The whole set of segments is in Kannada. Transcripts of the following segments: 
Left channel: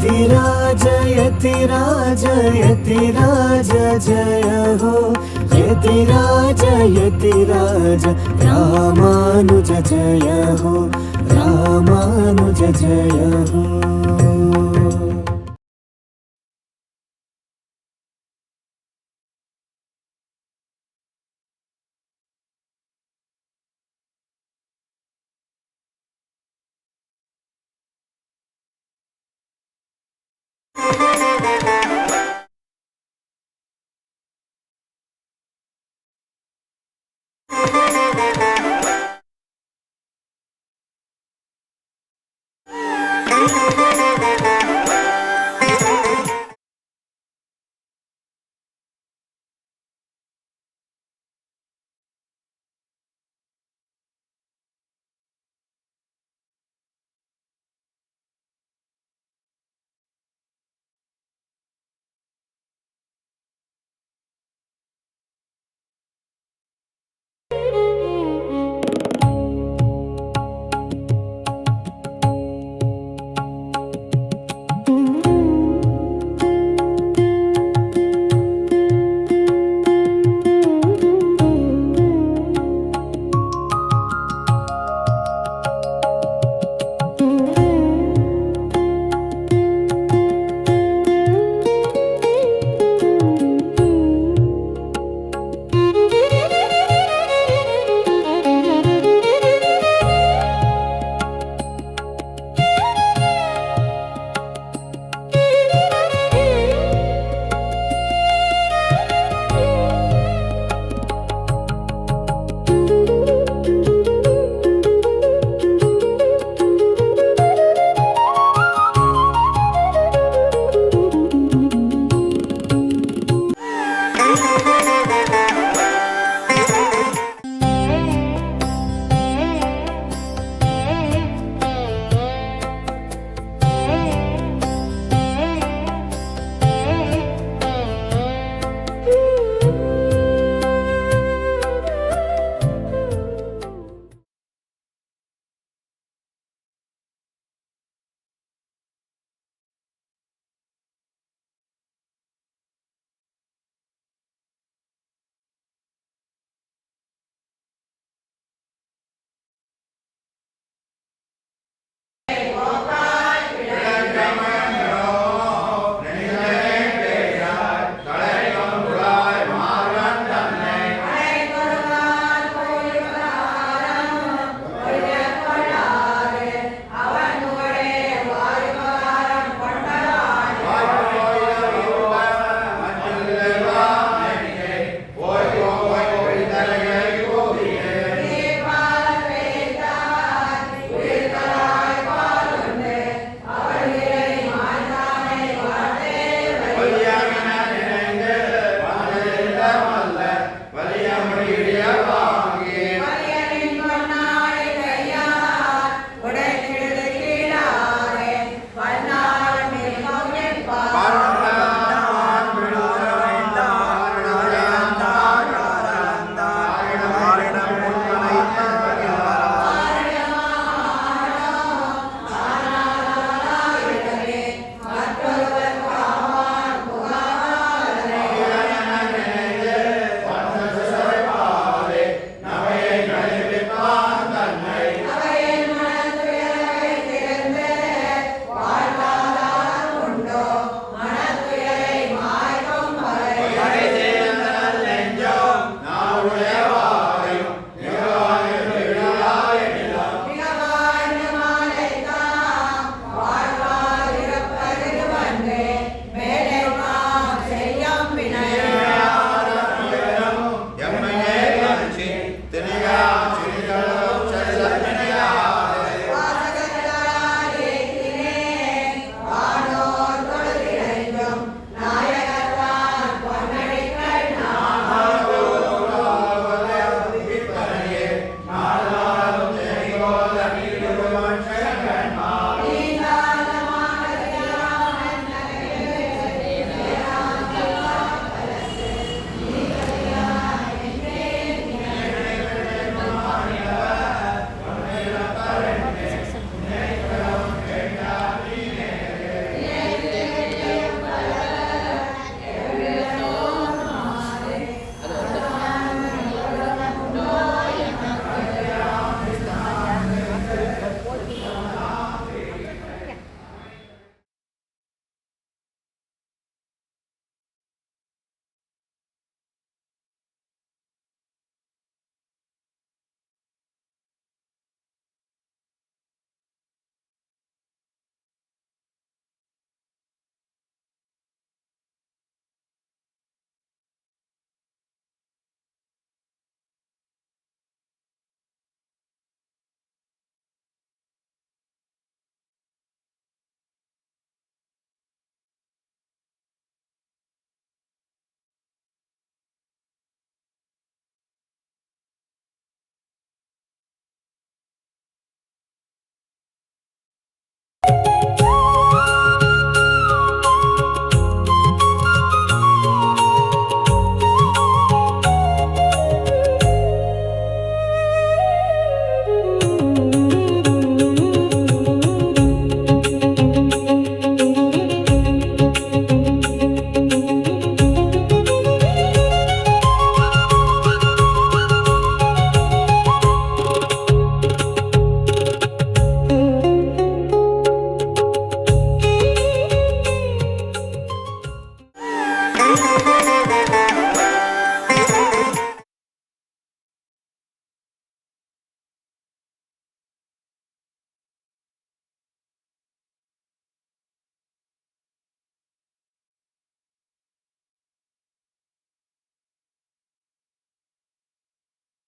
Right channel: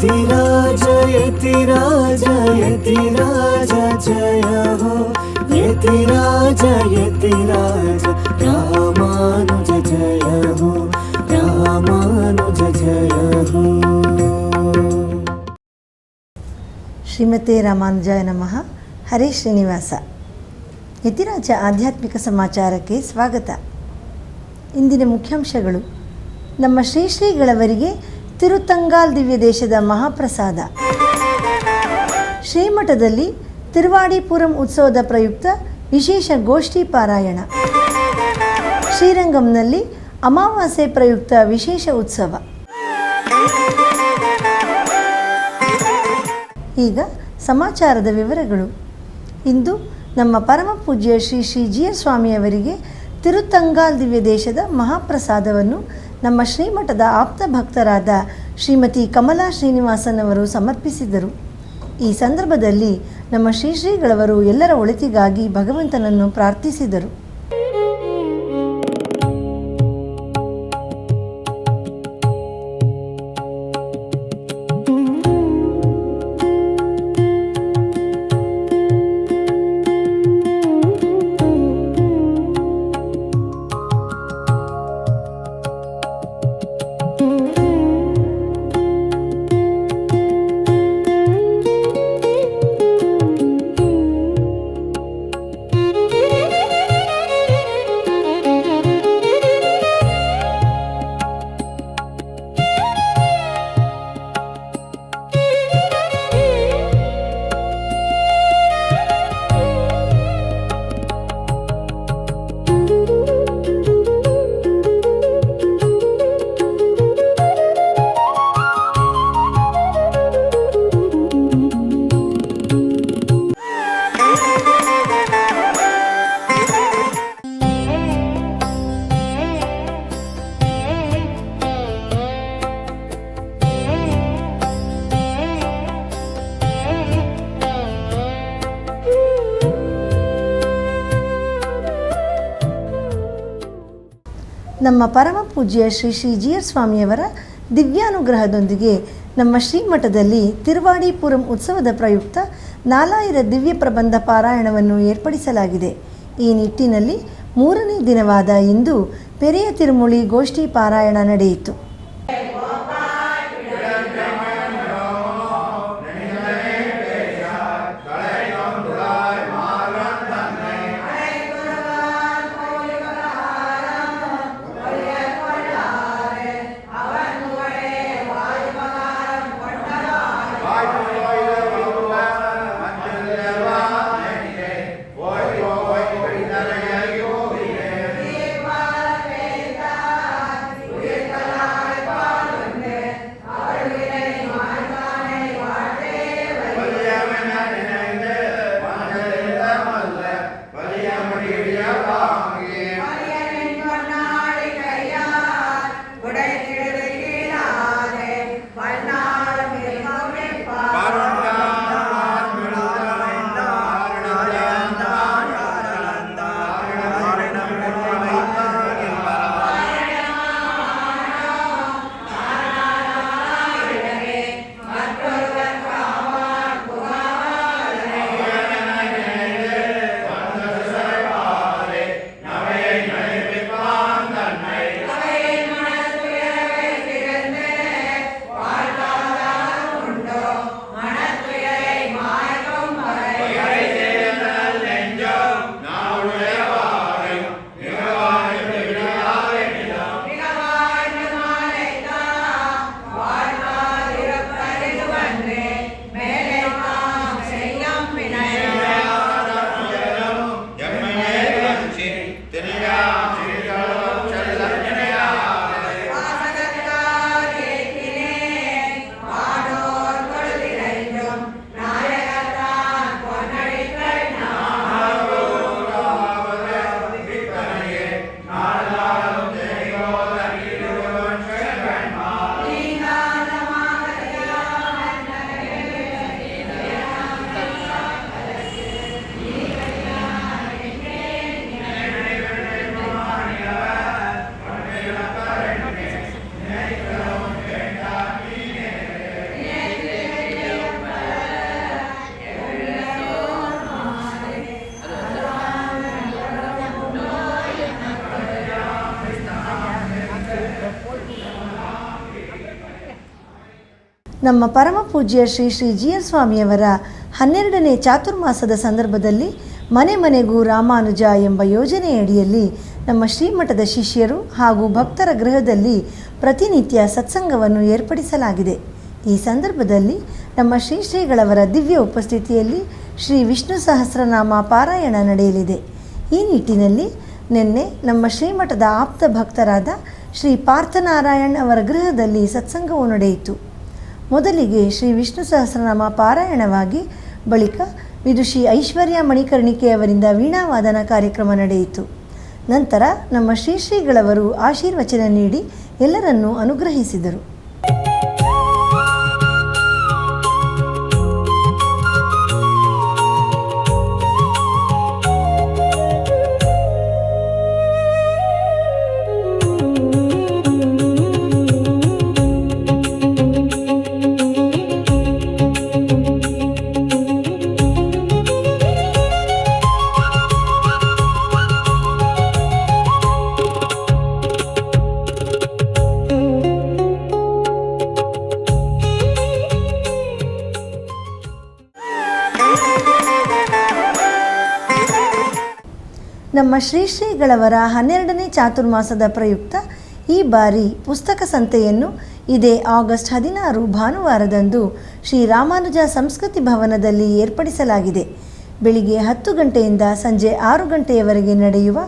यतिराज यतिराज यतिराज जय हो यतिराज यतिराज रामानुज जय हो रामानुज जय हो। ಶ್ರೀಮತೆ ರಾಮಾನುಜಾಯ ನಮಃ. ಹರೇ ಶ್ರೀನಿವಾಸ. ಯತಿರಾಜ ಆಧ್ಯಾತ್ಮಿಕ ಸಮಾಚಾರಕ್ಕೆ ಸ್ವಾಗತ. ಇಂದಿನ ಮುಖ್ಯಾಂಶಗಳು: ನಮ್ಮ ಶ್ರೀ ಶ್ರೀಗಳವರಿಗೆ ತಿರುತಂಗಾಲ್ ದಿವ್ಯ ದೇಶದ ಮಹಾಪ್ರಸಾದ. ಶ್ರೀಮಠದಲ್ಲಿ ತಿರುವಾಡಿಪುರಂ ಉತ್ಸವದ ಪ್ರಯುಕ್ತ ವಿಶೇಷ ಗೋಷ್ಠಿ ಪಾರಾಯಣ. ಶ್ರೀರಂಗಂನಲ್ಲಿ ಅಮಾವಾಸ್ಯೆ ಪ್ರಯುಕ್ತ ವಿಶೇಷ ಉತ್ಸವ. ಈಗ ಸಮಾಚಾರದ ವಿವರಗಳು. ಇಂದು ನಮ್ಮ ಪರಮ ಪೂಜ್ಯ ಶ್ರೀ ಶ್ರೀ ಜಿಯರ್ ಸ್ವಾಮಿಯವರಿಗೆ ತಿರುತಂಗಾಲ್ ದಿವ್ಯ ದೇಶದ ಮಹಾಪ್ರಸಾದವನ್ನು ನಮ್ಮ ಶ್ರೀಮಠದ ಆಪ್ತ ಭಕ್ತರಾದ ಶ್ರೀಮತಿ ಕಮಲಾ ಶ್ರೀನಿವಾಸನ್ ಅವರು ಸಮರ್ಪಿಸಿದರು. ಈ ಸಂದರ್ಭದಲ್ಲಿ ನಮ್ಮ ಶ್ರೀ ಶ್ರೀಗಳವರು ಎಲ್ಲರ ಒಳಿತಿಗಾಗಿ ಭಗವಂತನನ್ನು ಪ್ರಾರ್ಥಿಸಿದರು. ನಮ್ಮ ಪರಮ ಪೂಜ್ಯ ಶ್ರೀ ಶ್ರೀ ಜಿಯರ್ ಸ್ವಾಮಿಯವರ ದಿವ್ಯಾನುಗ್ರಹದೊಂದಿಗೆ ನಮ್ಮ ಶ್ರೀಮಠದಲ್ಲಿ ತಿರುವಾಡಿಪುರಂ ಉತ್ಸವದ ಪ್ರಯುಕ್ತ 4000 ದಿವ್ಯ ಪ್ರಬಂಧ ಪಾರಾಯಣವನ್ನು ಏರ್ಪಡಿಸಲಾಗಿದೆ. ಈ ನಿಟ್ಟಿನಲ್ಲಿ 3ನೇ ದಿನವಾದ ಇಂದು ಪೆರಿಯ ತಿರುಮುಳಿ ಗೋಷ್ಠಿ ಪಾರಾಯಣ ನಡೆಯಿತು. ನಮ್ಮ ಪರಮ ಪೂಜ್ಯ ಶ್ರೀ ಶ್ರೀ GR ಸ್ವಾಮಿಯವರ 12ನೇ ಚಾತುರ್ಮಾಸದ ಸಂದರ್ಭದಲ್ಲಿ ಮನೆ ಮನೆಗೂ ರಾಮಾನುಜ ಎಂಬ ಯೋಜನೆಯಡಿಯಲ್ಲಿ ನಮ್ಮ ಶ್ರೀಮಠದ ಶಿಷ್ಯರು ಹಾಗೂ ಭಕ್ತರ ಗೃಹದಲ್ಲಿ ಪ್ರತಿನಿತ್ಯ ಸತ್ಸಂಗವನ್ನು ಏರ್ಪಡಿಸಲಾಗಿದೆ. ಈ ಸಂದರ್ಭದಲ್ಲಿ ನಮ್ಮ ಶ್ರೀಗಳವರ ದಿವ್ಯ ಉಪಸ್ಥಿತಿಯಲ್ಲಿ ಶ್ರೀ ವಿಷ್ಣು ಸಹಸ್ರನಾಮ ಪಾರಾಯಣ ನಡೆಯಲಿದೆ. ಈ ನಿಟ್ಟಿನಲ್ಲಿ ನಿನ್ನೆ ನಮ್ಮ ಶ್ರೀಮಠದ ಆಪ್ತ ಭಕ್ತರಾದ ಶ್ರೀ ಪಾರ್ಥನಾರಾಯಣ್ ಅವರ ಗೃಹದಲ್ಲಿ ಸತ್ಸಂಗವು ನಡೆಯಿತು. ಮೊದಲಿಗೆ ಶ್ರೀ ವಿಷ್ಣು ಸಹಸ್ರನಾಮ ಪಾರಾಯಣವಾಗಿ ಬಳಿಕ ವಿದುಷಿ ಐಶ್ವರ್ಯ ಮಣಿಕರ್ಣಿಕೆಯವರಿಂದ ವೀಣಾವಾದನ ಕಾರ್ಯಕ್ರಮ ನಡೆಯಿತು. ನಂತರ ನಮ್ಮ ಶ್ರೀಗಳವರು ಆಶೀರ್ವಚನ ನೀಡಿ ಎಲ್ಲರನ್ನೂ ಅನುಗ್ರಹಿಸಿದರು. ನಮ್ಮ ಶ್ರೀಗಳವರ 12ನೇ ಚಾತುರ್ಮಾಸದ ಪ್ರಯುಕ್ತ ಈ ಬಾರಿ ಪುಸ್ತಕ ಸಂತೆಯನ್ನು ಇದೇ ಆಗಸ್ಟ್ 16 ಭಾನುವಾರದಂದು ಶ್ರೀ ರಾಮಾನುಜ ಸಂಸ್ಕೃತಿ ಭವನದಲ್ಲಿ ಏರ್ಪಡಿಸಲಾಗಿದೆ. ಬೆಳಿಗ್ಗೆ 10 ಗಂಟೆಯಿಂದ ಸಂಜೆ 6 ಗಂಟೆಯವರೆಗೆ ನಡೆಯುವ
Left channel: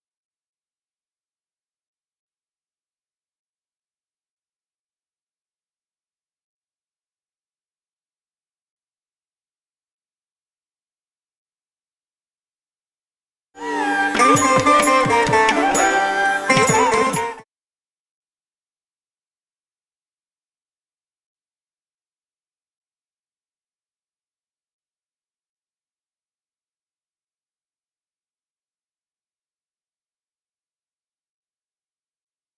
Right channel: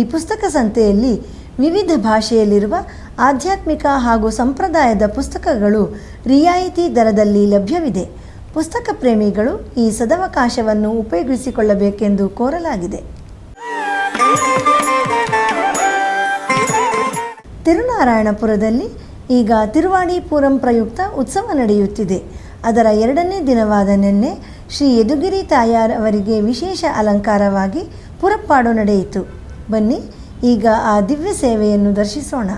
ಈ ಪುಸ್ತಕ ಸಂತೆಯಲ್ಲಿ ವಿವಿಧ ಭಾಷೆಯಲ್ಲಿರುವ ಆಧ್ಯಾತ್ಮಿಕ ಹಾಗೂ ಸಂಪ್ರದಾಯದ ಪುಸ್ತಕಗಳು ರಿಯಾಯಿತಿ ದರದಲ್ಲಿ ಲಭ್ಯವಿದೆ. ಪುಸ್ತಕ ಪ್ರೇಮಿಗಳು ಈ ಸದವಕಾಶವನ್ನು ಉಪಯೋಗಿಸಿಕೊಳ್ಳಬೇಕೆಂದು ಕೋರಲಾಗಿದೆ. ತಿರುನಾರಾಯಣಪುರದಲ್ಲಿ ಈಗ ತಿರುವಾಡಿಪುರಂ ಪ್ರಯುಕ್ತ ಉತ್ಸವ ನಡೆಯುತ್ತಿದೆ. ಅದರ 2ನೇ ದಿನವಾದ ನಿನ್ನೆ ಶ್ರೀ ಯದುಗಿರಿ ತಾಯಾರ್ ಅವರಿಗೆ ವಿಶೇಷ ಅಲಂಕಾರವಾಗಿ ಪುರಪ್ಪಾಡು ನಡೆಯಿತು. ಬನ್ನಿ ಈಗ ಆ ದಿವ್ಯ ಸೇವೆಯನ್ನು ದರ್ಶಿಸೋಣ.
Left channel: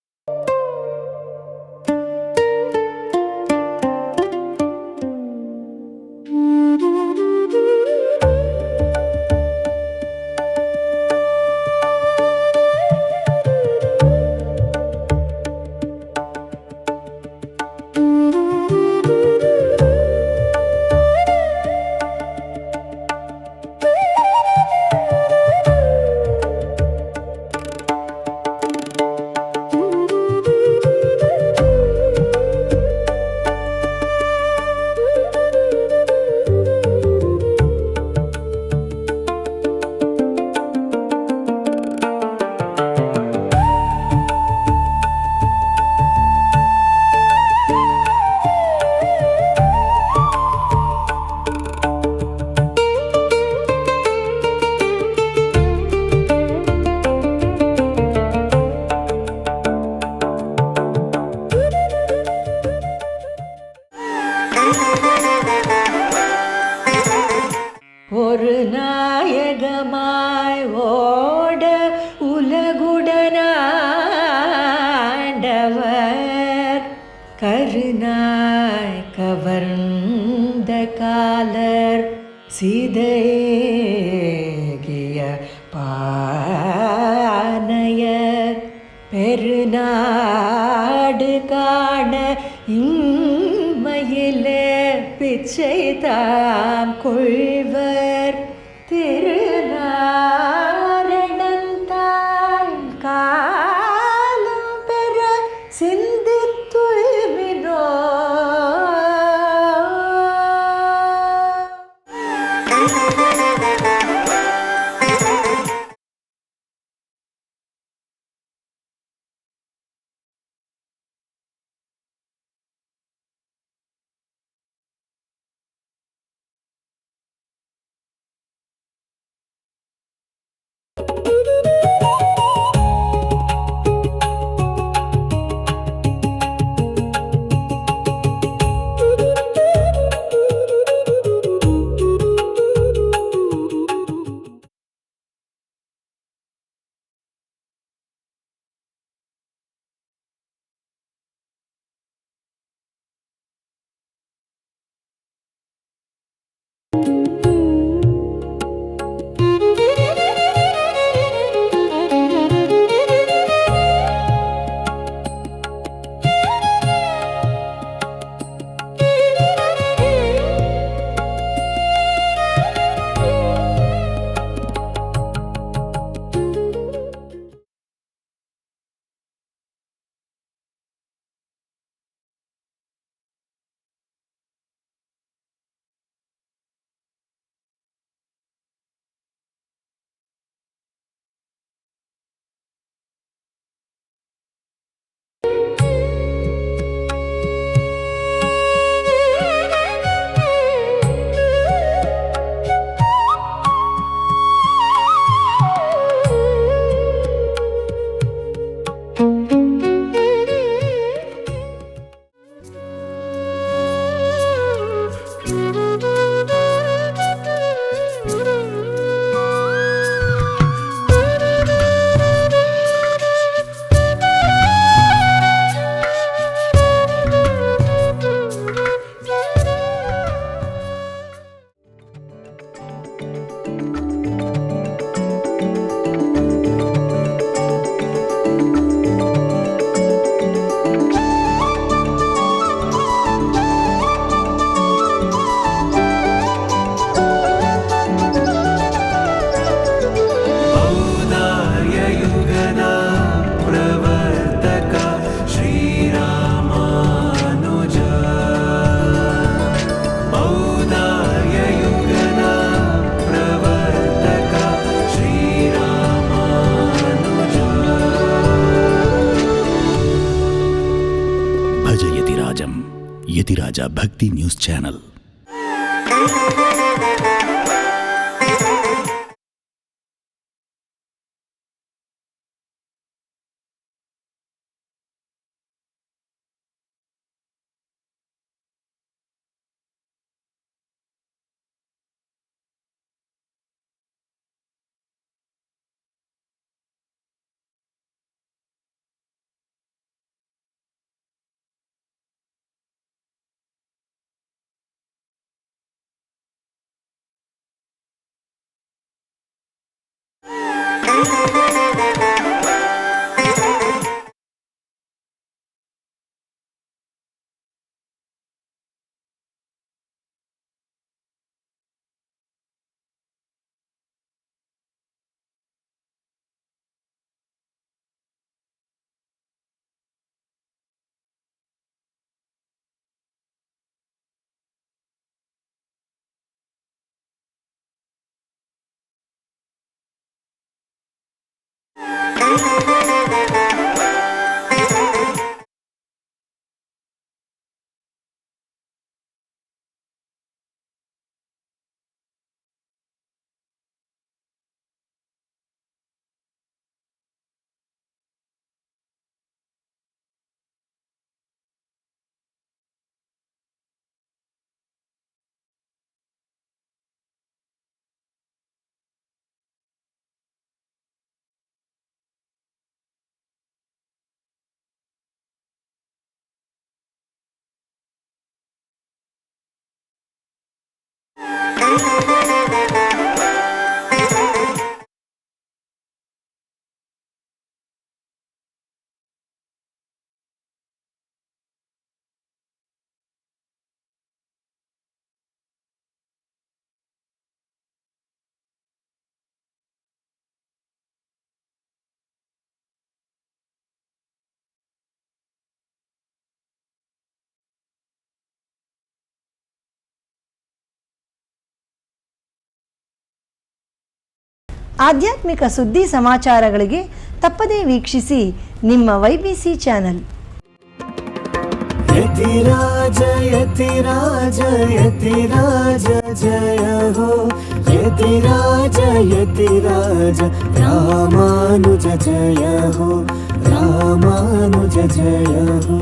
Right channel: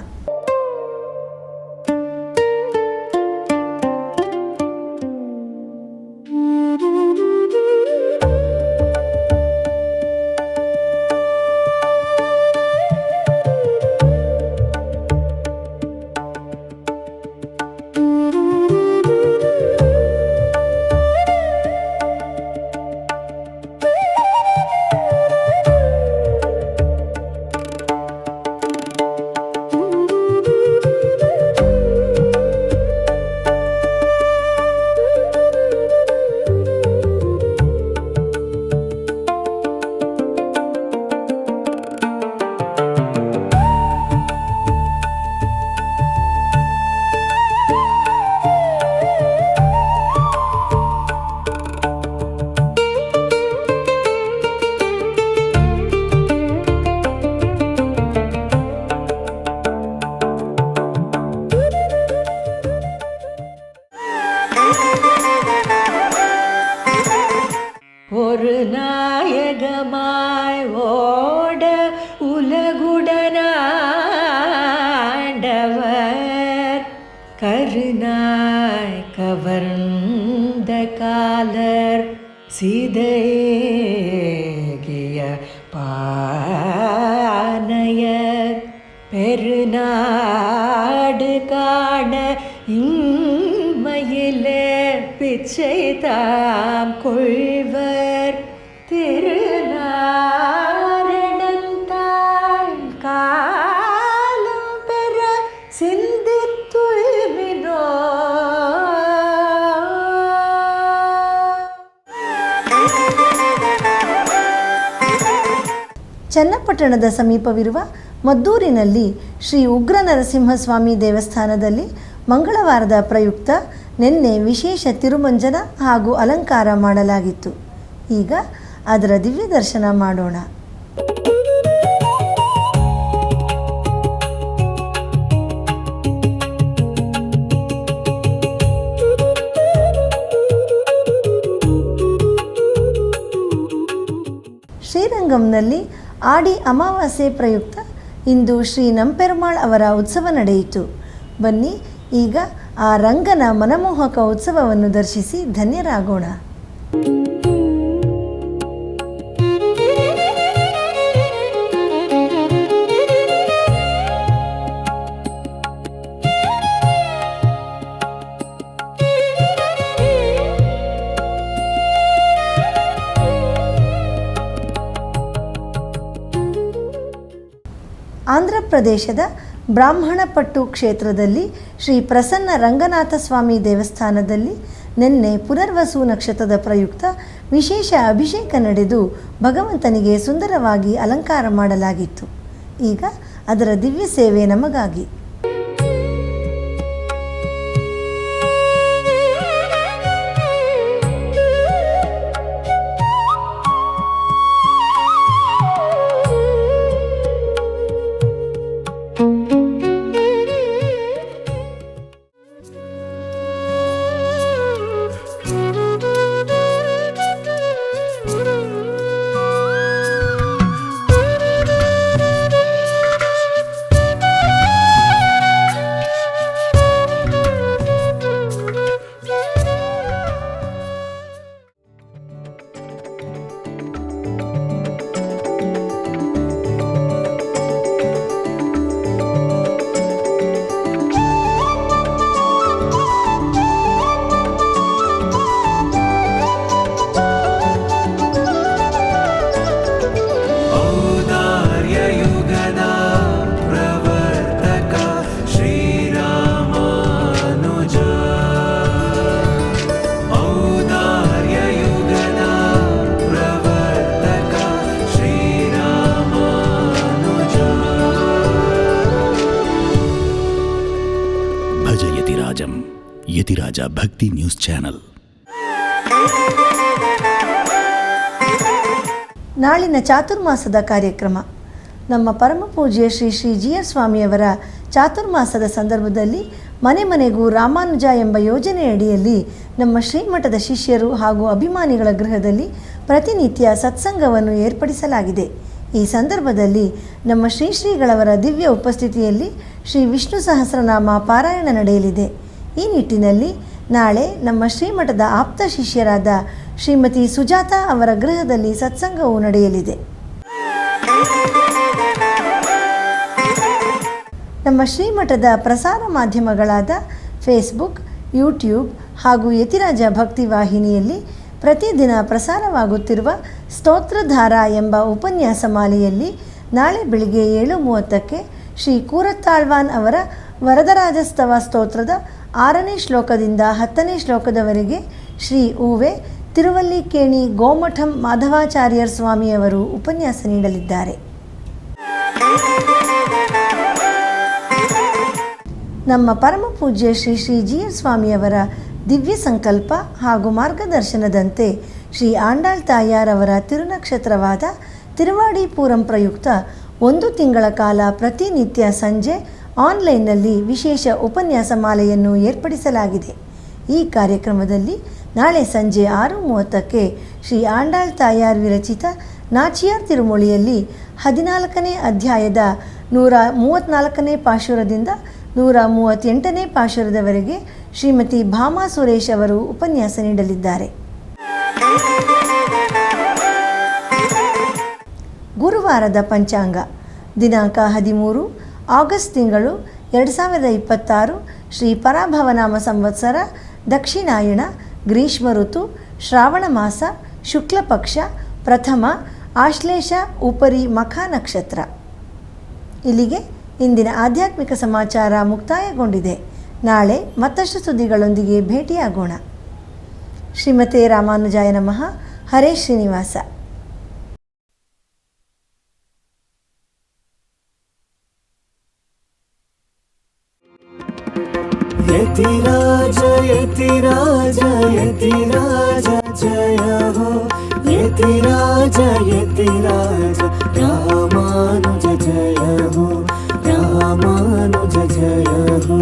ஒரு நாயகமாய் ஓட உலகுடனாண்டவர் கருணாய் கவர்ந்த காலர் சிதைகிய பானையர் பெருநாடு காண இம்மையிலே பிச்சை தாம் கொள்வர் திருநாரணந்தாள் காலம் பெற சிந்தித்துய்மினோ. ಚನ್ನಪಟ್ಟಣದ ಸಮೀಪವಿರುವ ಮದ್ದೂರಿನಲ್ಲಿ ಶ್ರೀ ಉಗ್ರ ನರಸಿಂಹಸ್ವಾಮಿ ದೇವಸ್ಥಾನದಲ್ಲಿ ಮಂಗಳವಾರದ ಪ್ರಯುಕ್ತ ನಿನ್ನೆ ವಿಶೇಷ ತಿರುಮಂಜನ ಹಾಗೂ ಅಲಂಕಾರ ಮಾಡಲಾಗಿತ್ತು. ಈಗ ಅದರ ದಿವ್ಯ ದರ್ಶನ ಮಾಡೋಣ. ಶ್ರೀರಂಗಂನಲ್ಲಿ ಆಡಿ ಅಮಾವಾಸ್ಯೆ ಪ್ರಯುಕ್ತ ಇಂದು ಶ್ರೀ ನಂಪೆರುಮಾಳ್ ಅವರ ಉತ್ಸವ ನಡೆಯಿತು. ಬನ್ನಿ ಈಗ ಆ ರಂಗನ ಮನಮೋಹಕ ಉತ್ಸವವನ್ನು ದರ್ಶಿಸಿ ಧನ್ಯರಾಗೋಣ. ಪ್ರದೇಶದ ಬ್ರಾಹ್ಮಣಪಟ್ಟು ಕ್ಷೇತ್ರದಲ್ಲಿ ಶ್ರೀ ಪ್ರಸನ್ನ ರಂಗನಾಥ ಸ್ವಾಮಿ ದೇವಸ್ಥಾನದಲ್ಲಿ ನಿನ್ನೆ ಪುನರ್ವಸು ನಕ್ಷತ್ರದ ಪ್ರಯುಕ್ತ ವಿಶೇಷ ಅಭಿಷೇಕ ನಡೆದು ಭಗವಂತನಿಗೆ ಸುಂದರವಾಗಿ ಅಲಂಕಾರ ಮಾಡಲಾಗಿತ್ತು. ಈಗ ಅದರ ದಿವ್ಯ ಸೇವೆ ನಮಗಾಗಿ. ಭಜ ಯತಿರಾಜಂ. ಯತಿರಾಜ ಭಕ್ತಿ ನ್ಯೂಸ್ ಚಾನಲ್. ನಾಳಿನ ಚಾತುರ್ಮಾಸದ ಕಾರ್ಯಕ್ರಮ. ನಮ್ಮ ಪರಮ ಪೂಜ್ಯ ಶ್ರೀ ಶ್ರೀ GR ಸ್ವಾಮಿಯವರ ಚಾತುರ್ಮಾಸದ ಸಂದರ್ಭದಲ್ಲಿ ಮನೆ ಮನೆಗೂ ರಾಮಾನುಜ ಎಂಬ ಯೋಜನೆಯಡಿಯಲ್ಲಿ ನಮ್ಮ ಶ್ರೀಮಠದ ಶಿಷ್ಯರು ಹಾಗೂ ಅಭಿಮಾನಿಗಳ ಗೃಹದಲ್ಲಿ ಪ್ರತಿನಿತ್ಯ ಸತ್ಸಂಗವನ್ನು ಏರ್ಪಡಿಸಲಾಗಿದೆ. ಈ ಸಂದರ್ಭದಲ್ಲಿ ನಮ್ಮ ಶ್ರೀಗಳವರ ದಿವ್ಯ ಉಪಸ್ಥಿತಿಯಲ್ಲಿ ಶ್ರೀ ವಿಷ್ಣು ಸಹಸ್ರನಾಮ ಪಾರಾಯಣ ನಡೆಯಲಿದೆ. ಈ ನಿಟ್ಟಿನಲ್ಲಿ ನಾಳೆ ನಮ್ಮ ಶ್ರೀಮಠದ ಆಪ್ತ ಶಿಷ್ಯರಾದ ಶ್ರೀಮತಿ ಸುಜಾತ ಅವರ ಗೃಹದಲ್ಲಿ ಸತ್ಸಂಗವು ನಡೆಯಲಿದೆ. ನಮ್ಮ ಶ್ರೀಮಠದ ಪ್ರಸಾರ ಮಾಧ್ಯಮಗಳಾದ ಫೇಸ್ಬುಕ್, ಯೂಟ್ಯೂಬ್ ಹಾಗೂ ಯತಿರಾಜ ಭಕ್ತಿ ವಾಹಿನಿಯಲ್ಲಿ ಪ್ರತಿದಿನ ಪ್ರಸಾರವಾಗುತ್ತಿರುವ ಸ್ತೋತ್ರಧಾರ ಎಂಬ ಉಪನ್ಯಾಸ ಮಾಲೆಯಲ್ಲಿ ನಾಳೆ ಬೆಳಿಗ್ಗೆ 7:30ಕ್ಕೆ ಶ್ರೀ ಕೂರತ್ತಾಳ್ವಾನ್ ಅವರ ವರದರಾಜಸ್ತವ ಸ್ತೋತ್ರದ 6ನೇ ಶ್ಲೋಕದಿಂದ 10ನೇ ಶ್ಲೋಕದವರೆಗೆ ಶ್ರೀ ಉವೆ ತಿರುವಲ್ಲಿಕೇಣಿ ಗೋಮಠಂ ಮಾಧವಾಚಾರ್ಯರ್ ಸ್ವಾಮಿಯವರು ಉಪನ್ಯಾಸ ನೀಡಲಿದ್ದಾರೆ. ನಮ್ಮ ಪರಮ ಪೂಜ್ಯ ಶ್ರೀ ಶ್ರೀ GR ಸ್ವಾಮಿಯವರ ದಿವ್ಯ ಸಂಕಲ್ಪ ಹಾಗೂ ಮಾರ್ಗದರ್ಶನದಂತೆ ಶ್ರೀ ಆಂಡಾಳ್ ತಾಯಾರ್ ಅವರ ತಿರುನಕ್ಷತ್ರವಾದ ತಿರುವಾಡಿ ಪೂರಂ ಪ್ರಯುಕ್ತ 1 ತಿಂಗಳ ಕಾಲ ಪ್ರತಿನಿತ್ಯ ಸಂಜೆ ಆನ್ಲೈನ್ನಲ್ಲಿ ವಿಶೇಷ ಉಪನ್ಯಾಸ ಮಾಲೆಯನ್ನು ಏರ್ಪಡಿಸಲಾಗಿದೆ. ಈ ಕಾರ್ಯಕ್ರಮದಲ್ಲಿ ನಾಳೆ ಸಂಜೆ 6:30ಕ್ಕೆ ಶ್ರೀ ಆಂಡಾಳ್ ತಾಯಾರ್ ವಿರಚಿತ ನಾಚಿಯಾರ್ ತಿರುಮೊಳಿಯಲ್ಲಿ 14ನೇ ಅಧ್ಯಾಯದ 134ನೇ ಪಾಶುರದಿಂದ 138ನೇ ಪಾಶುರದವರೆಗೆ ಶ್ರೀಮತಿ ಭಾಮಾ ಸುರೇಶ್ ಅವರು ಉಪನ್ಯಾಸ ನೀಡಲಿದ್ದಾರೆ. ಗುರುವಾರದ ಪಂಚಾಂಗ ದಿನಾಂಕ 13 ಆಗಸ್ಟ್ ತಿಂಗಳು 2026 ಶ್ರೀ ಪರಾಭವನಾಮ ಸಂವತ್ಸರ ದಕ್ಷಿಣಾಯಣ ಗ್ರೀಷ್ಮ ಋತು ಶ್ರಾವಣ ಮಾಸ ಶುಕ್ಲ ಪಕ್ಷ ಪ್ರಥಮ ಆಶ್ಲೇಷ ಉಪರಿ ಮಖ ನಕ್ಷತ್ರ. ಇಲ್ಲಿಗೆ ಇಂದಿನ ಆಧ್ಯಾತ್ಮಿಕ ಸಮಾಚಾರ ಮುಕ್ತಾಯಗೊಂಡಿದೆ. ನಾಳೆ ಮತ್ತಷ್ಟು ಸುದ್ದಿಗಳೊಂದಿಗೆ ಭೇಟಿಯಾಗೋಣ. ಶ್ರೀಮತೆ ರಾಮಾನುಜಾಯ ನಮಃ. ಹರೇ ಶ್ರೀನಿವಾಸ. ಆಧ್ಯಾತ್ಮಿಕ ಸುದ್ದಿ ಸಮಾಚಾರಗಳಿಗೆ ತಪ್ಪದೇ ವೀಕ್ಷಿಸಿ ನಿಮ್ಮ YBC ಚಾನಲ್. ಯತಿರಾಜ ಯತಿರಾಜ ಯತಿರಾಜ ಜಯ ಹೋ ಯತಿರಾಜ ಯತಿರಾಜ ರಾಮಾನುಜ ಜಯ ಹೋ ರಾಮಾನುಜ ಜಯ ಹೋ.